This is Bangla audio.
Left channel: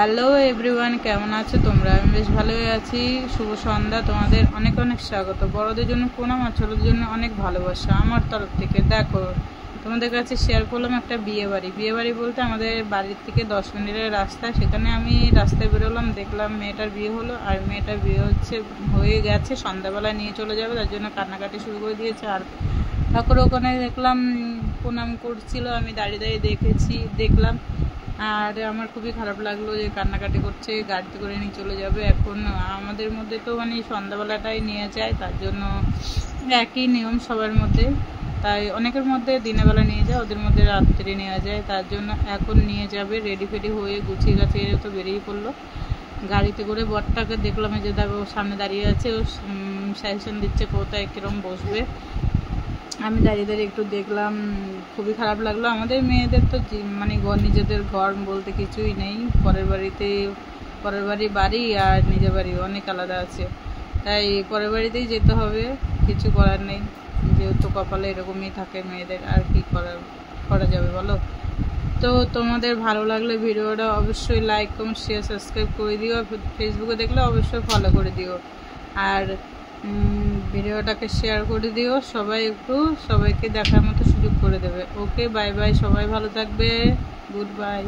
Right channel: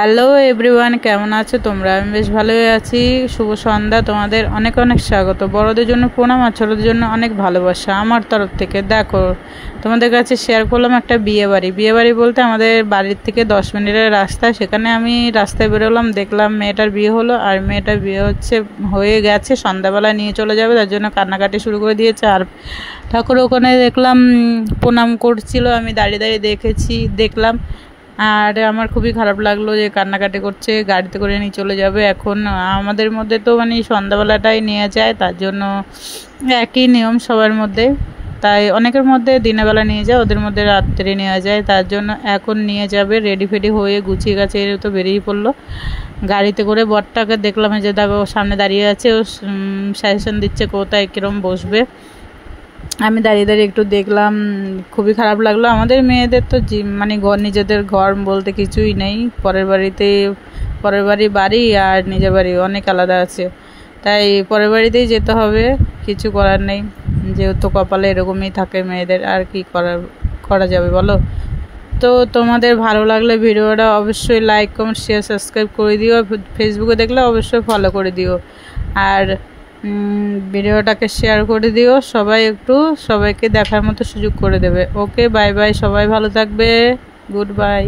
হ্যালো এভরিওয়ান, কেমন আছো তোমরা? আমি বেশ ভালোই আছি। শুভ সন্ধ্যা, তোমাদের অনেক অনেক স্বাগত। বড়দের জন্য প্রণাম আর ছোটদের জন্য অনেক ভালোবাসা আমার তরফ থেকে। দেখো, তোমাদের কাছে শেয়ার করলাম একটা বিয়ে বাড়ি বলতে আমাদের বাড়ির থেকে 10 মিনিটের রাস্তা। সেখানে আমি রাস্তায় বেরোলাম, দেখলাম মেয়েটার বিয়ে হলো, আর মেয়েটার বিয়ে হয়ে গেছে, সন্ধ্যাবেলা নিয়ে চলে যাবে, তার জন্য কান্নাকাটি শুরু করে দিয়েছে। আর ঠাকুর ওখানে দেখলাম প্রণাম করছিল, আমি দাঁড়িয়ে দাঁড়িয়ে দেখলাম। আর আমার খুবই খারাপ লাগলো যে কান্নাকাটি করছে, গাড়িতে করে নিয়ে চলে যাবে। এখন আমাদের মধ্যে তো মানে সন্ধ্যাবেলাটাই নিয়ে যায়, তার জন্য একই নিয়ম সবার মধ্যে। তাই অনেকের মধ্যে দিনের বেলা নিয়ে যায়, ওদের মধ্যে রাত্রে নেওয়া যায়, তার জন্য এখন নিয়ে যাবে। রেডি ফেডি হয়ে গুছিয়ে গাছিয়ে তো বেরিয়ে পড়লো গাড়িতে করে। বরটাকে দেখলাম যে দেখো সামনে দাঁড়িয়ে আছে, ও সাজেশন দিচ্ছে কোথায় কীরকম বসবে। আমি দাঁড়িয়ে দাঁড়িয়ে একটু দেখলাম, খুবই খারাপ লাগলো। আমাদের মেয়েদের তো মানে নিজেদের ঘর বলতে কিছুই নেই। পরের বাড়ি আর নিজের বাড়ি অনেক আলাদা আছে, তাই পরের বাড়িতেই যেতে হবে, কিছু করার নেই। যেহেতু কপালে এরকমই থাকে মেয়েদের, আর কি করা যাবে বলো। তো তোমাদের ভালো লাগলে ভিডিওটা অবশ্যই লাইক কমেন্ট শেয়ার সাবস্ক্রাইব করে দিও। ফেসবুকে দেখলে অবশ্যই ফলো করে দিও, আর ভিডিওটাকে শেয়ার করে দিও। সবাইকে দেখার মতো সুযোগ করে দেবে। ওকে, বাই বাই, সবাই ভালো থাকবে। Good bye.